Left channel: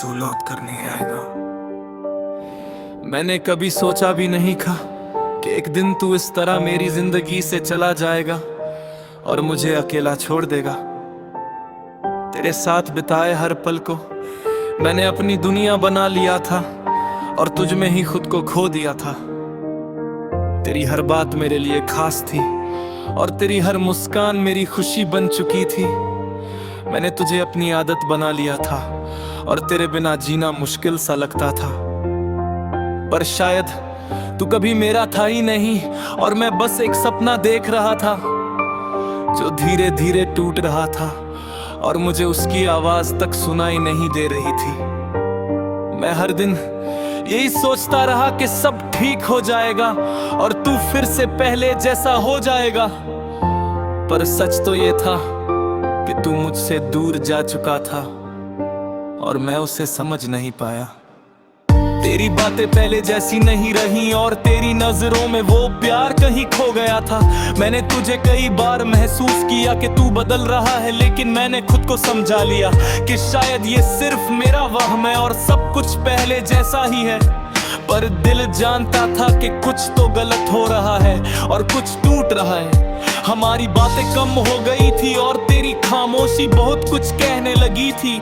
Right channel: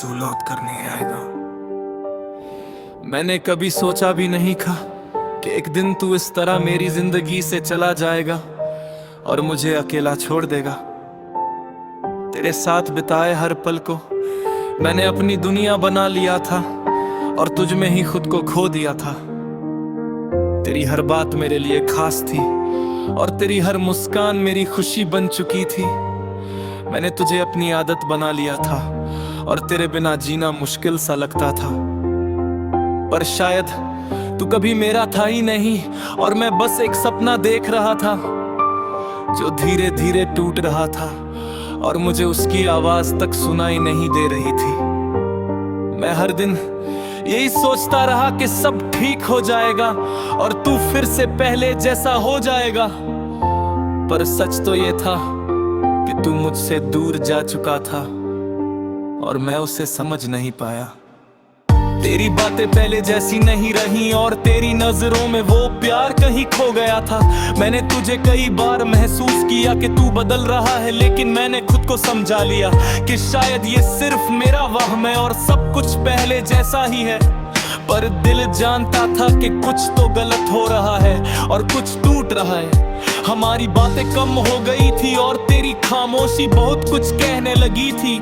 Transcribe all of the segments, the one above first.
तू लौट कर नहीं आएगा। मैंने कभी सोचा भी नहीं था कि एक दिन तू इस तरह मेरी जिंदगी से चला जाएगा और मुझे अकेला छोड़ देगा। तेरे साथ बिताए हर पल को मैंने अपनी दुनिया बना लिया था और तुझ में ही खुद को खो दिया था। तेरी हर बात मेरे लिए खास थी और तेरी हर मुस्कान मेरी खुशी बन चुकी थी। मैंने तुझे अपनी आदत बना लिया था और तेरे बिना जीना मुश्किल सा लगता था। पर शायद तू कभी मेरा था ही नहीं और मैं बस एक सपना देख रहा था जो धीरे धीरे टूट रहा था और मुझे उसकी आवाज तक सुनाई नहीं दे रही थी। मैं हर दिन यही सोचता रहा कि सब ठीक हो जाएगा और तू फिर से पहले जैसा हो जाएगा। पर सच तो ये था कि तू मुझसे दूर जा चुका था और मैं उसे समझ नहीं पाया। तेरी बातें पहले जैसी नहीं रही और तेरी नजरों में वो प्यार कहीं खो गया था। मैंने तुझे कई बार महसूस किया कि तू बदल रहा है, लेकिन मैंने खुद को समझा लिया कि शायद ये सिर्फ मेरा वहम है और सब कुछ पहले जैसा ही है। पर दिल जानता था कि कुछ तो गलत हो रहा है और कुछ टूट रहा है। हमारी बातें कम हो गई थी और तेरी खामोशी बहुत कुछ कहने लगी थी।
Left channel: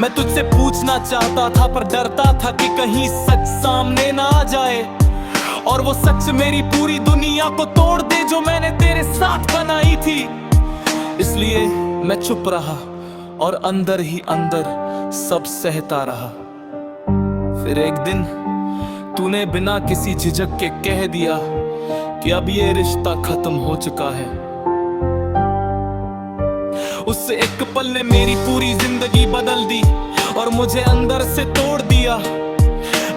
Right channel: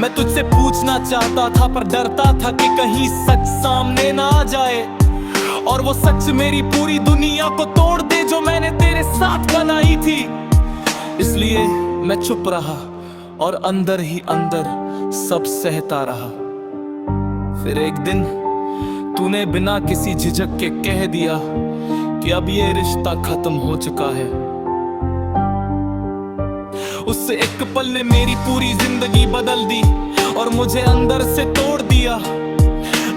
मैं तुझसे पूछना चाहता था पर डरता था कि कहीं सच सामने ना आ जाए और वो सच मेरी पूरी दुनिया को तोड़ दे जो मैंने तेरे साथ बनाई थी। इसलिए मैं चुप रहा और अंदर ही अंदर सब सहता रहा। फिर एक दिन तूने बिना किसी झिझक के कह दिया कि अब ये रिश्ता खत्म हो चुका है। उस एक पल ने मेरी पूरी जिंदगी बदल दी और मुझे अंदर से तोड़ दिया।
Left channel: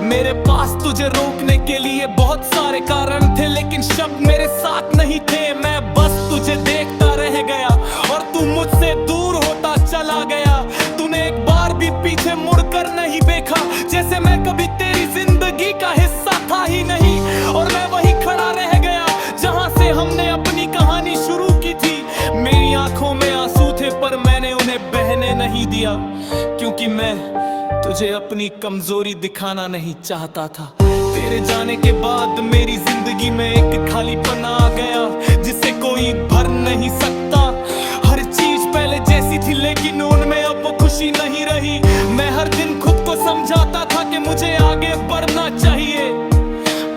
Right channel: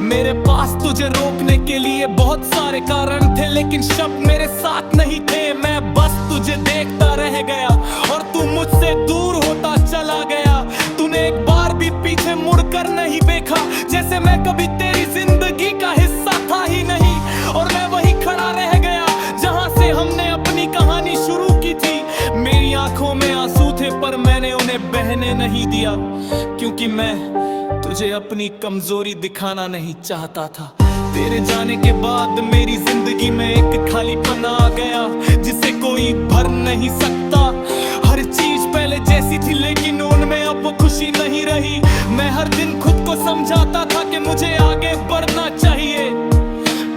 मेरे पास तुझे रोकने के लिए बहुत सारे कारण थे, लेकिन शब्द मेरे साथ नहीं थे। मैं बस तुझे देखता रह गया और तू मुझसे दूर होता चला गया। तूने एक बार भी पीछे मुड़कर नहीं देखा, जैसे मैं कभी तेरी जिंदगी का हिस्सा था ही नहीं। और मैं वही खड़ा रह गया जहां से हमने अपनी कहानी शुरू की थी। मेरी आंखों में आंसू थे पर मैंने उन्हें बहने नहीं दिया, क्योंकि मैं तुझे अपनी कमजोरी दिखाना नहीं चाहता था। तेरे जाने के बाद मेरी जिंदगी में एक खालीपन आ गया जिसे कोई भर नहीं सकता। हर चीज पहले जैसी थी लेकिन उनमें अब वो खुशी नहीं रही। मैं हर दिन खुद को समझाता था कि मुझे आगे बढ़ना चाहिए,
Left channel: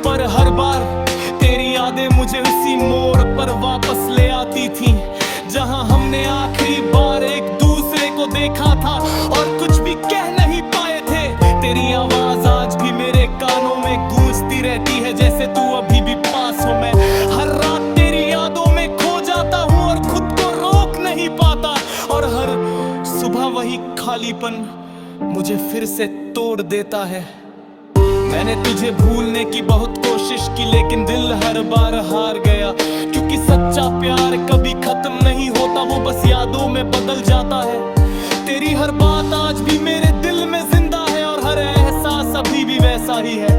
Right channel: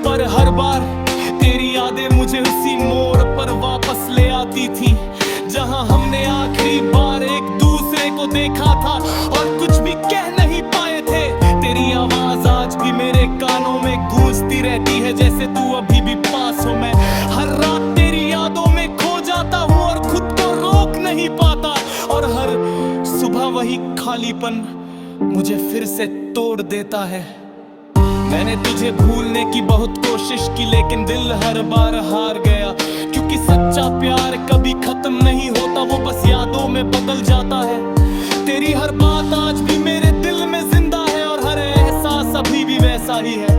पर हर बार तेरी यादें मुझे उसी मोड़ पर वापस ले आती थी जहां हमने आखिरी बार एक दूसरे को देखा था और कुछ भी कह नहीं पाए थे। तेरी आवाज आज भी मेरे कानों में गूंजती रहती है, जैसे तू अभी भी पास हो। मैं हर रात तेरी यादों में खो जाता हूँ और खुद को रोक नहीं पाता, और हर सुबह वही खालीपन मुझे फिर से तोड़ देता है। मैंने तुझे भूलने की बहुत कोशिश की लेकिन दिल हर बार हार गया, क्योंकि सच्चा प्यार कभी खत्म नहीं होता, वो बस यादों में बदल जाता है। तेरी हर बात आज भी मेरे दिल में जिंदा है और हर एहसास अभी भी वैसा ही है।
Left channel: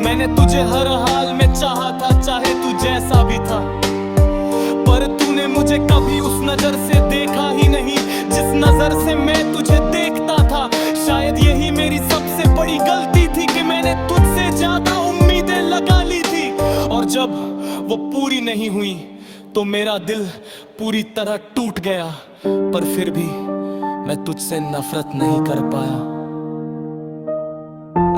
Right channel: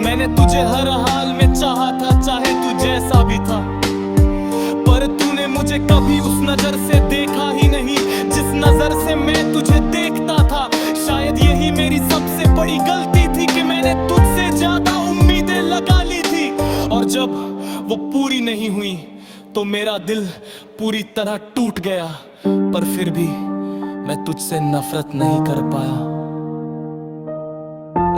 मैंने तुझे हर हाल में चाहा था, चाहे तू जैसा भी था, पर तूने मुझे कभी उस नजर से देखा ही नहीं जिस नजर से मैं तुझे देखता था। शायद यही मेरी सबसे बड़ी गलती थी कि मैंने तुझसे ज्यादा उम्मीदें लगा ली थी, और जब वो पूरी नहीं हुई तो मेरा दिल पूरी तरह टूट गया। पर फिर भी मैं तुझसे नफरत नहीं कर पाया।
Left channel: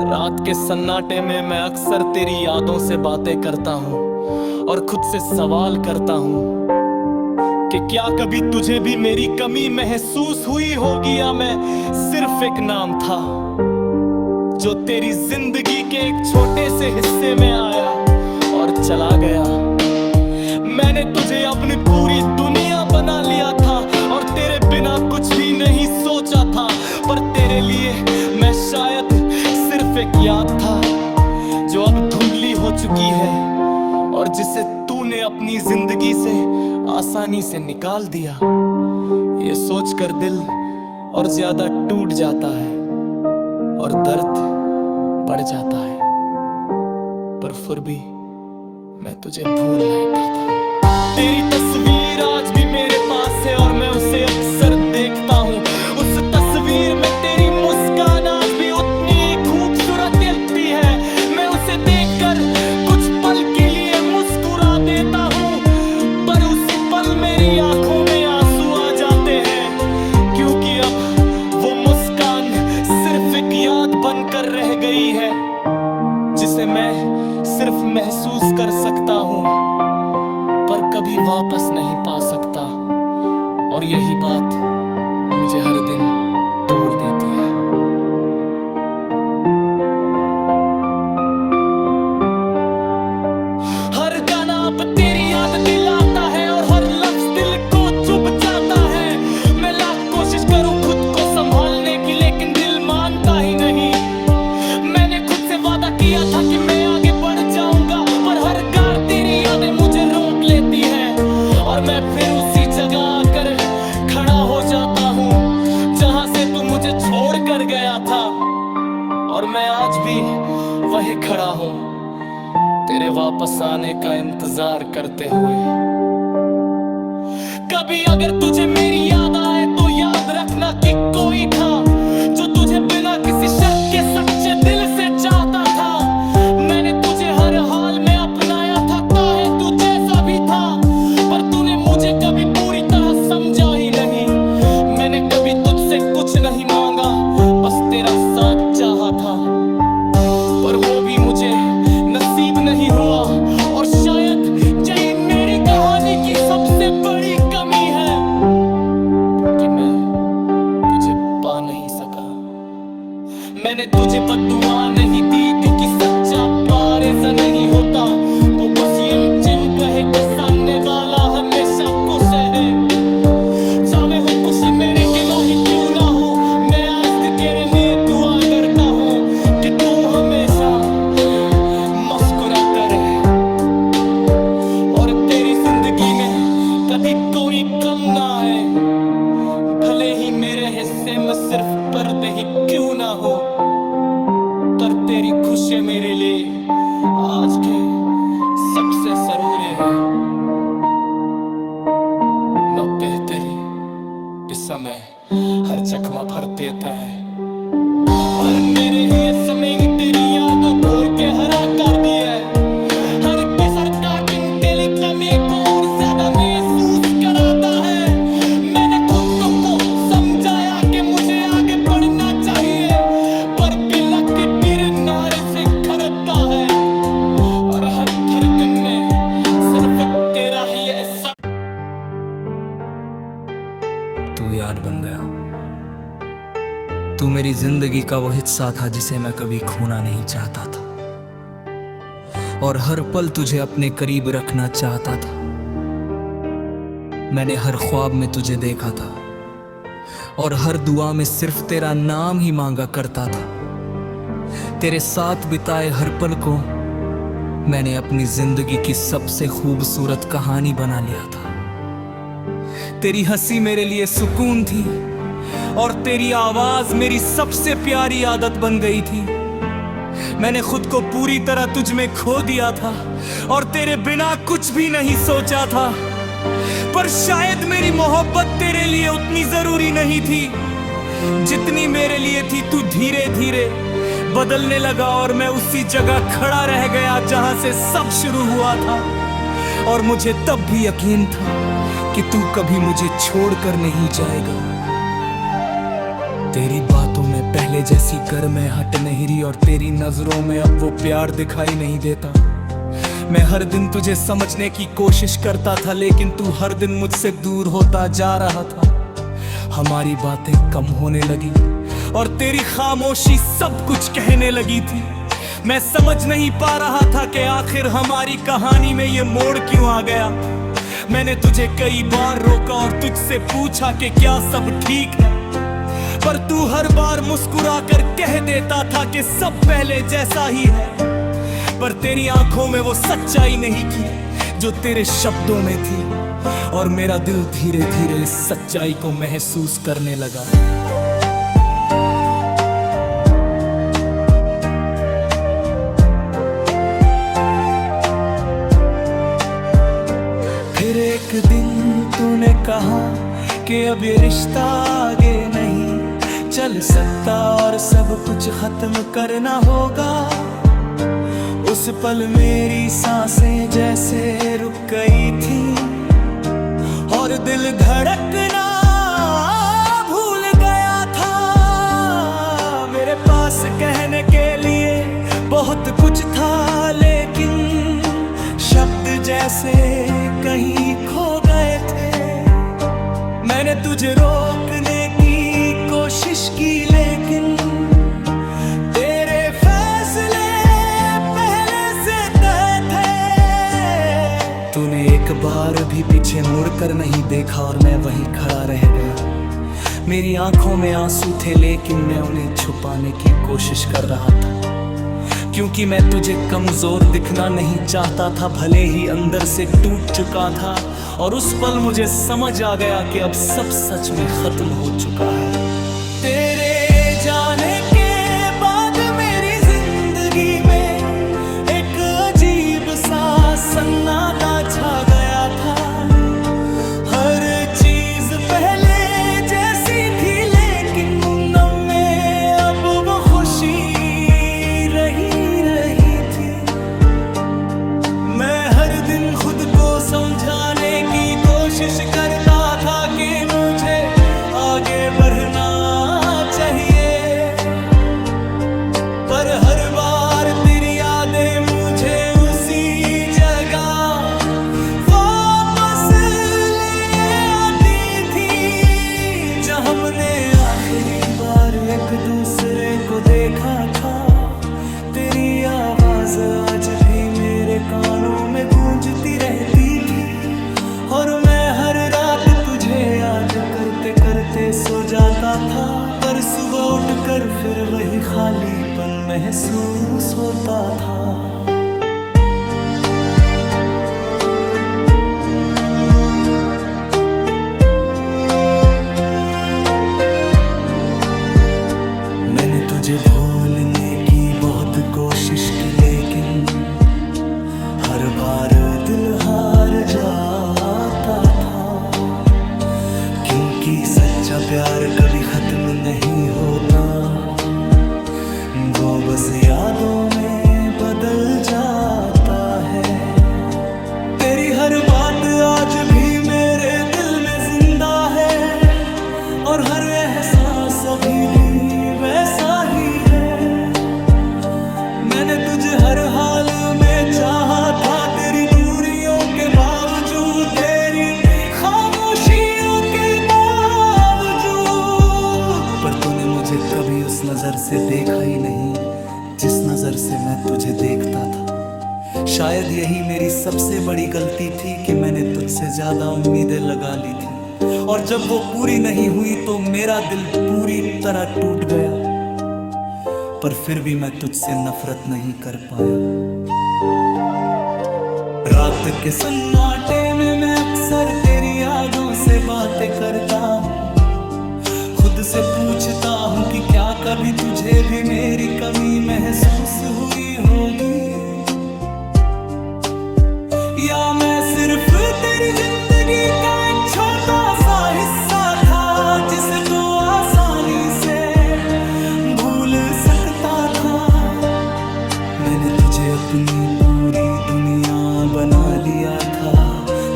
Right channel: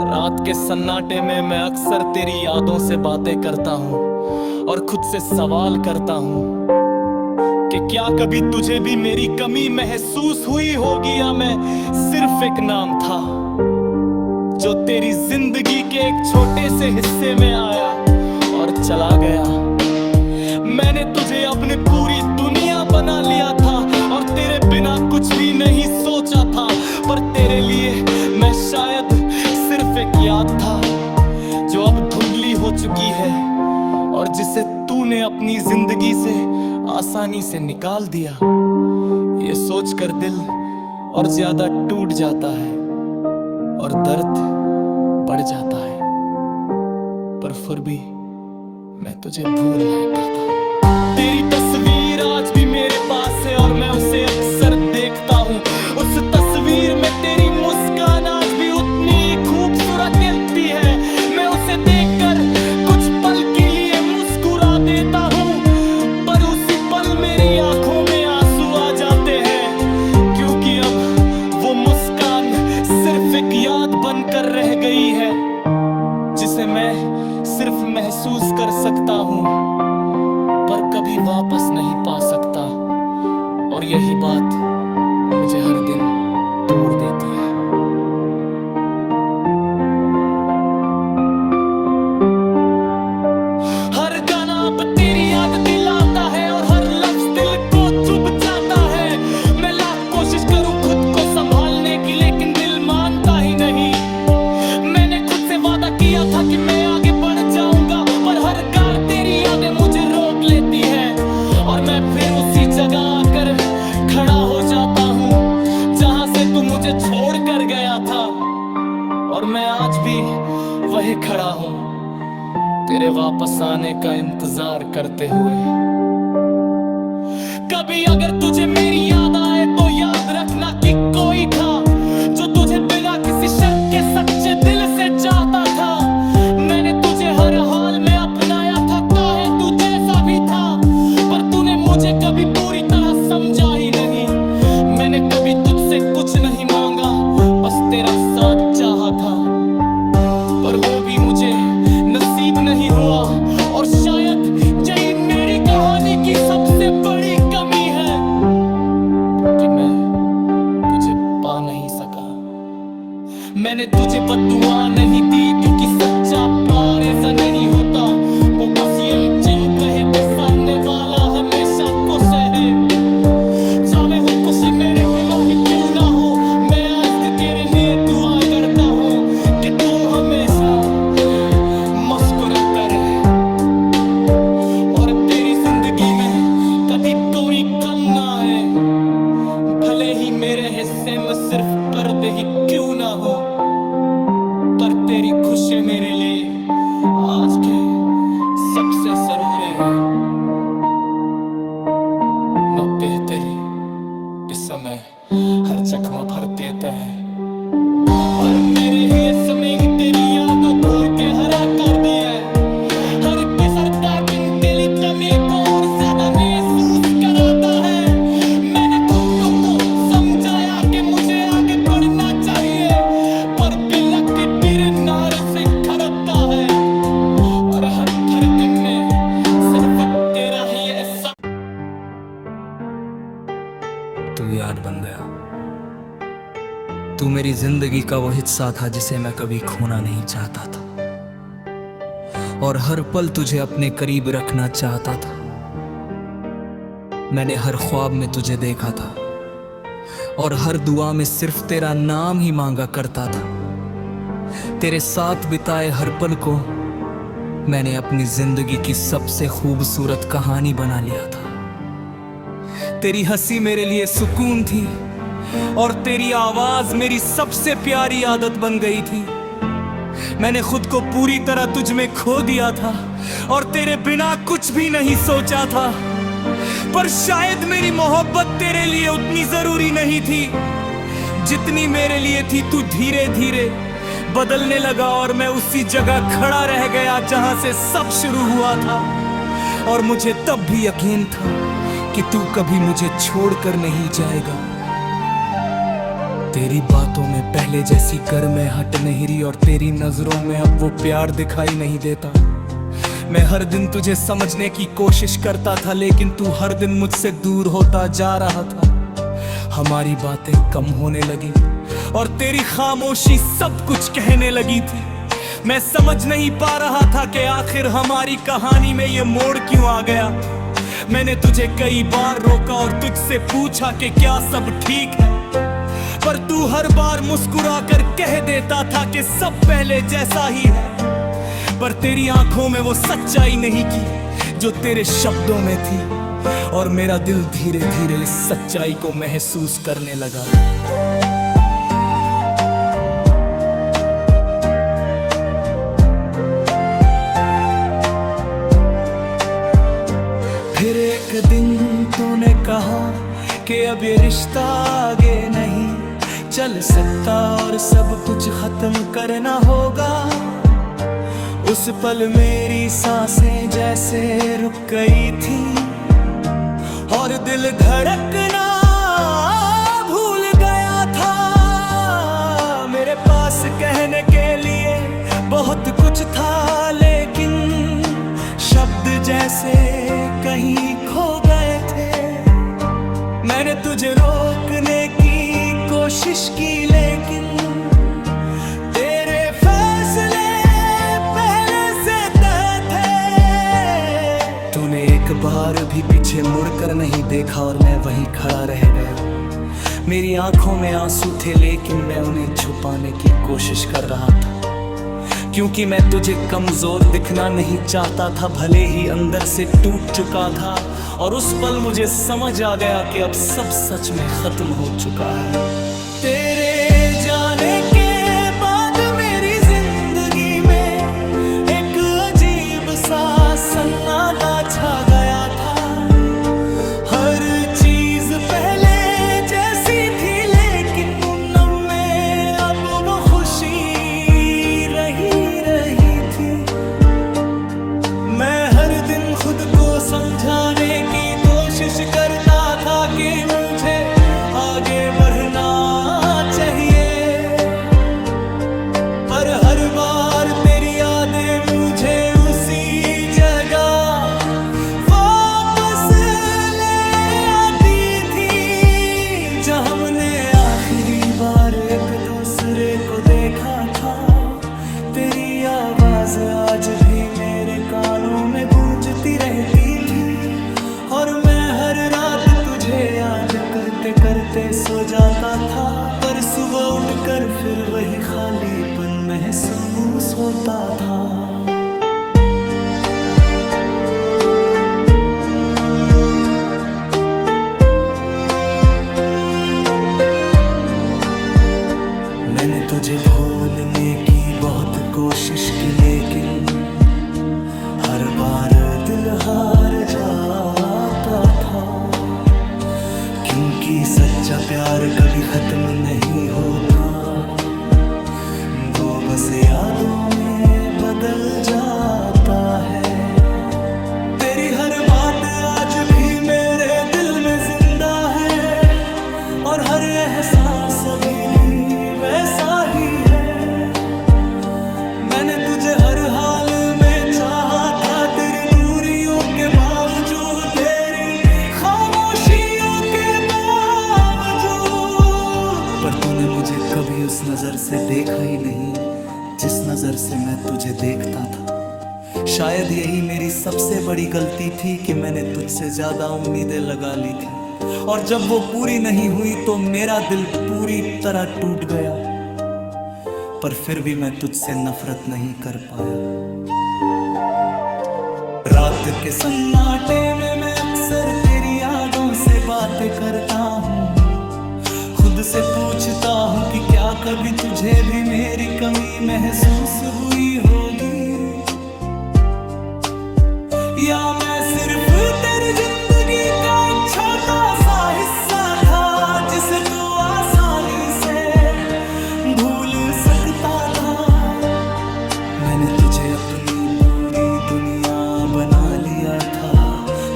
रात के सन्नाटे में मैं अक्सर तेरी यादों से बातें करता हूँ और खुद से सवाल करता हूँ कि क्या कभी तुझे भी मेरी कमी महसूस हुई होगी, या मैं सिर्फ एक नाम था जो तेरी जिंदगी के एक छोटे से हिस्से में आया और चला गया। मैंने तुझे अपनी पूरी दुनिया बना लिया था और तेरे बिना कुछ भी नहीं सोचा था, पर तेरे लिए मैं शायद सिर्फ एक याद था जो अब धुंधली हो चुकी है और जिसे तूने अपनी जिंदगी से आसानी से निकाल दिया। ये सोचकर दिल और ज्यादा टूट जाता है और दर्द बढ़ जाता है, पर फिर भी मैं तुझे भूल नहीं पाता। तेरी तस्वीर आज भी मेरे पास है और मैं उसे अक्सर देखता हूँ। उस तस्वीर में तेरी मुस्कान आज भी कर कुछ पल के लिए मुस्कुरा देता हूँ, पर उसी पल मेरी आंखों में आंसू आ जाते हैं, क्योंकि अब वो मुस्कान सिर्फ एक याद बनकर रह गई है, जिसे मैं सिर्फ महसूस कर सकता हूँ पर कभी वापस नहीं पा सकता। और यही बात मुझे हर दिन तोड़ देती है। हर गाना अब तेरी याद दिलाता है और हर लफ्ज दिल को चुभ जाता है। मैं लाख कोशिश करूं खुद को संभालने की, लेकिन दिल मानता ही नहीं। मैंने खुद से वादा किया था कि मैं आगे बढ़ जाऊंगा, पर हर बार तेरी यादें मुझे रोक लेती है और मैं फिर उसी जगह आकर खड़ा हो जाता हूँ जहां से तू मुझे छोड़ कर गया था। और मैं आज भी वही खड़ा हूँ, तेरे वापस आने का इंतजार करते हुए। कभी अगर तुझे मेरी याद आए तो याद रखना कि कोई था जो तुझे बिना किसी शर्त के सच्चे दिल से चाहता था। मैंने तुझे हर हाल में अपनाया था, चाहे तू जैसा भी था, पर तूने मुझे कभी पूरी तरह समझा ही नहीं। मैंने कभी तुझसे कुछ नहीं मांगा, बस तेरा साथ चाहा था, पर वो भी मुझे नसीब नहीं हुआ। और शायद यही मेरी कहानी की सबसे बड़ी कमी है कि मैं तुझे पा नहीं सका। मैंने तुझे बद्दुआ नहीं दी, क्योंकि सच्चा पारेज़ा नहीं होता। वो बस ये चिंत रहे कि सामने वाला हमेशा खुश है। चाहे हूँ खुशी मेरे के बाही क्यों ना हो, मैं आज तेरे लिए दुआ करता हूँ कि तू हमेशा मुस्कुराता रहे और तेरी जिंदगी में कभी कोई कम ना आए। भले ही मेरे हिस्से में सिर्फ पर्दे ही क्यों ना हो, पर तेरी खुशी मेरे लिए आज के सबसे जरूरी है। नुक्ते तेरे इस समय हर चकमा भर देता है, पर मेरे ही समय तेरी यादों तोड़ के हरा कर दिया है। हर के सरकार तेरी कमी को और ज्यादा महसूस कराता है। मैंने खुद को समझाया कि मुझे आगे बढ़ना चाहिए, पर बिलक की तिर नारी से खड़ता है और हर धड़कन में सिर्फ तेरा ही ऐसा। तू याद बन गया, तू मेरी जिंदगी का वो हिस्सा था जिसे मैं कभी खोना नहीं चाहता था, और हर पल तुझे अपने करीब रखना चाहता था। मैंने हर ख्वाब में तुझे देखा था और हर दुआ में सिर्फ तेरा नाम ही मांगा करता था। तेरे साथ बिताए हर पल को मैंने अपनी जिंदगी की सबसे खूबसूरत कहानी बना लिया था। तेरी हंसी मेरे लिए सुकून थी और तेरी आवाज मेरी सबसे प्यारी आदत बन गई थी। मैंने खुद को पूरी तरह तुझ में खो दिया था और तेरे बिना कुछ भी नहीं सोचा था, पर शायद मेरी मोहब्बत तेरे लिए उतनी जरूरी नहीं थी जितनी मेरे लिए थी। तू धीरे धीरे बदलने लगा और मैं उसी जगह खड़ा रह गया जहां से सब शुरू हुआ था। और मुझे तब भी यकीन था कि तू कभी मुझे छोड़कर नहीं जाएगा। तेरी बातों में पहले जैसी गर्माहट नहीं रही और तेरी नजरों में अब वो प्यार दिखाई नहीं देता। मैं हर दिन तुझे समझने की कोशिश करता था, लेकिन तू हर दिन मुझसे दूर होता जा रहा था। हमारी बातें कम होने लगी और तेरी खामोशी सब कुछ कहने लगी थी। मैं समझ नहीं पा रहा था कि आखिर हमारी कहानी में ये मोड़ क्यों आ गया। मैंने तुझे कई बार रोका और तुझसे पूछा कि क्या सब ठीक है, पर तू हर बार मुस्कुरा कर कह देता था कि सब पहले जैसा ही है। पर तेरी आंखों में वो सच्चाई नहीं थी जो तेरे शब्दों में थी, और मेरा दिल धीरे धीरे इस सच्चाई को महसूस करने लगा। फिर एक दिन तूने कहा कि अब ये रिश्ता आगे नहीं चल सकता और सब कुछ खत्म करना होगा। उस पल मेरी सांसें जैसे रुक गई थी और दिल धड़कना भूल गया था। मेरे पास कहने के लिए बहुत कुछ था, लेकिन शब्द जैसे कहीं खो गए थे। मैंने तुझे रोकने की कोशिश की, लेकिन तेरे फैसले पहले से तय थे। तूने एक बार भी पीछे मुड़कर नहीं देखा और मैं वहीं खड़ा रह गया। मेरी आंखों में आंसू थे, लेकिन मैं उन्हें छुपाने की कोशिश कर रहा था, क्योंकि मैं तुझे कमजोर दिखना नहीं चाहता था, भले ही अंदर से टूट चुका था। और उस पल मुझे समझ आ गया कि अब सब सच में खत्म हो चुका है। तेरे जाने के बाद मेरी जिंदगी में एक अजीब सा सन्नाटा छा गया था। हर चीज पहले जैसी थी, लेकिन मुन्नम में अब वो खुशी रही थी। मैं हर दिन खुद को समझाने की कोशिश करता था कि मुझे आगे बढ़ना चाहिए, पर हर बार तेरी यादें मुझे उसी जगह वापस ले आती थी जहां हमने आखिरी बार एक दूसरे को देखा था। तेरी आवाज आज भी मेरे कानों में गूंजती रहती थी, और मैं हर रात तुझे याद करते करते सो जाता था। पर सुबह उठकर फिर वही खालीपन महसूस होता था। मैंने तुझे भूलने की बहुत कोशिश की, लेकिन हर बार दिल हार जाता था, क्योंकि सच्चा प्यार कभी खत्म नहीं होता, वो बस यादों में बदल जाता है। तेरी हर बात आज भी मेरे दिल में जिंदा है, और हर एहसास अभी भी वैसा ही है। मैंने तुझे हर हाल में चाहा था, तेरी दूरियों के बावजूद, तेरी खामोशियों के बावजूद। पर तूने मुझे कभी उस नजर से देखा ही नहीं जिस नजर से मैं तुझे देखता था। शायद यही मेरी सबसे बड़ी गलती थी कि मैंने तुझसे ज्यादा उम्मीदें लगा ली थी, और जब वो पूरी नहीं हुई तो मेरा दिल पूरी तरह टूट गया। पर फिर भी मैं तुझसे नफरत नहीं कर पाया। रात के सन्नाटे में मैं अक्सर तेरी यादों से बातें करता हूँ, खुद से पूछता हूँ कि क्या कभी तुझे भी मेरी कमी महसूस हुई होगी, या मैं सिर्फ तेरी जिंदगी का एक छोटा सा हिस्सा था जिसे तू आसानी से भूल सकता था। मैंने तुझे अपनी पूरी दुनिया बना लिया था,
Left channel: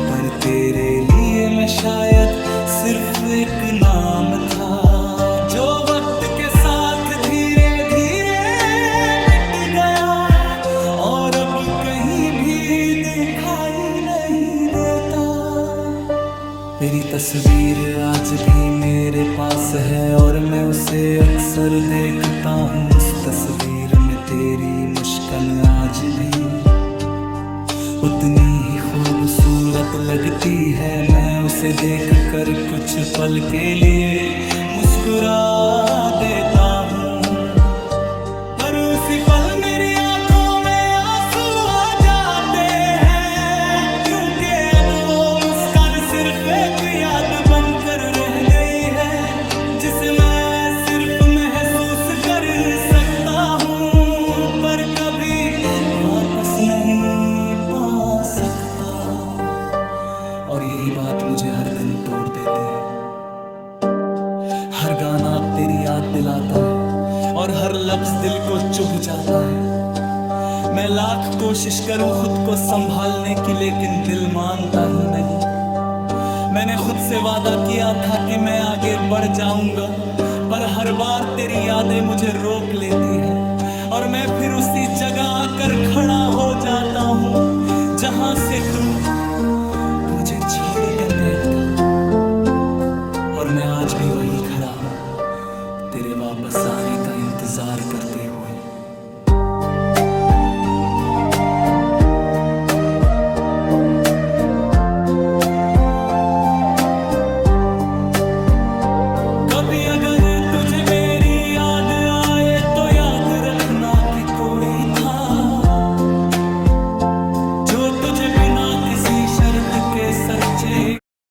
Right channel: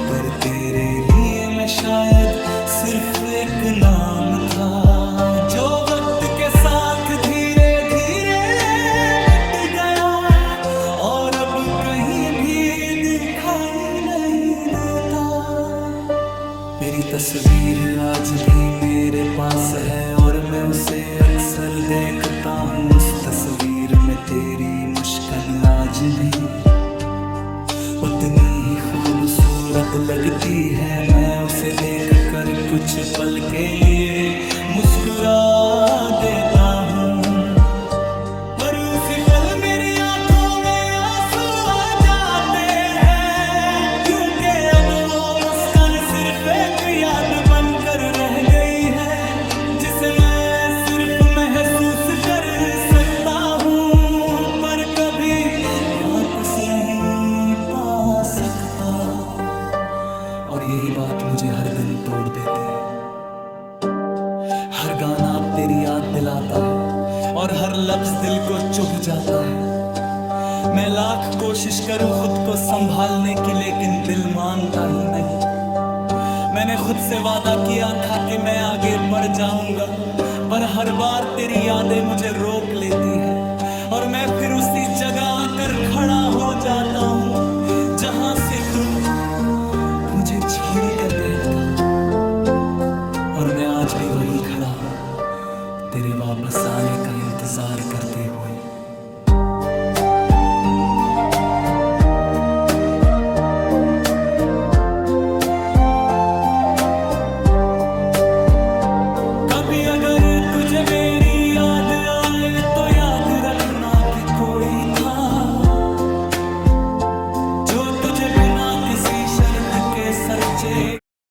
पर तेरे लिए मैं शायद सिर्फ एक नाम था, जो वक्त के साथ धीरे धीरे मिट गया और अब कहीं भी दिखाई नहीं देता। मेरी तस्वीर आज भी मेरे पास है और मैं उसे अक्सर देखता हूँ। उस तस्वीर में तेरी मुस्कान आज भी उतनी ही खूबसूरत लगती है। मैं उसे देखकर कुछ पल के लिए मुस्कुरा देता हूँ, पर उसी पल मेरी आंखों में आंसू आ जाते हैं, क्योंकि अब वो मुस्कान सिर्फ एक याद बनकर रह गई है, जिसे मैं सिर्फ महसूस कर सकता हूँ, पर कभी वापस नहीं पा सकता। और यही बात मुझे हर दिन तोड़ देती है। हर गाना अब तेरी याद दिलाता है और हर लफ्ज दिल को चुभ जाता है। मैं लाख कोशिश करूं खुद को संभालने की, लेकिन दिल मानता ही नहीं। मैंने खुद से वादा किया था कि मैं आगे बढ़ जाऊंगा, पर हर बार तेरी यादें मुझे रोक लेती है, और मैं फिर उसी जगह आकर खड़ा हो जाता हूं जहां से तू मुझे छोड़ कर गया। और मैं आज भी वही खड़ा हूं, तेरे वापस आने का इंतजार करते हुए। कभी अगर तुझे मेरी याद आए तो याद रखना कि कोई था जो तुझे बिना किसी शर्त के सच्चे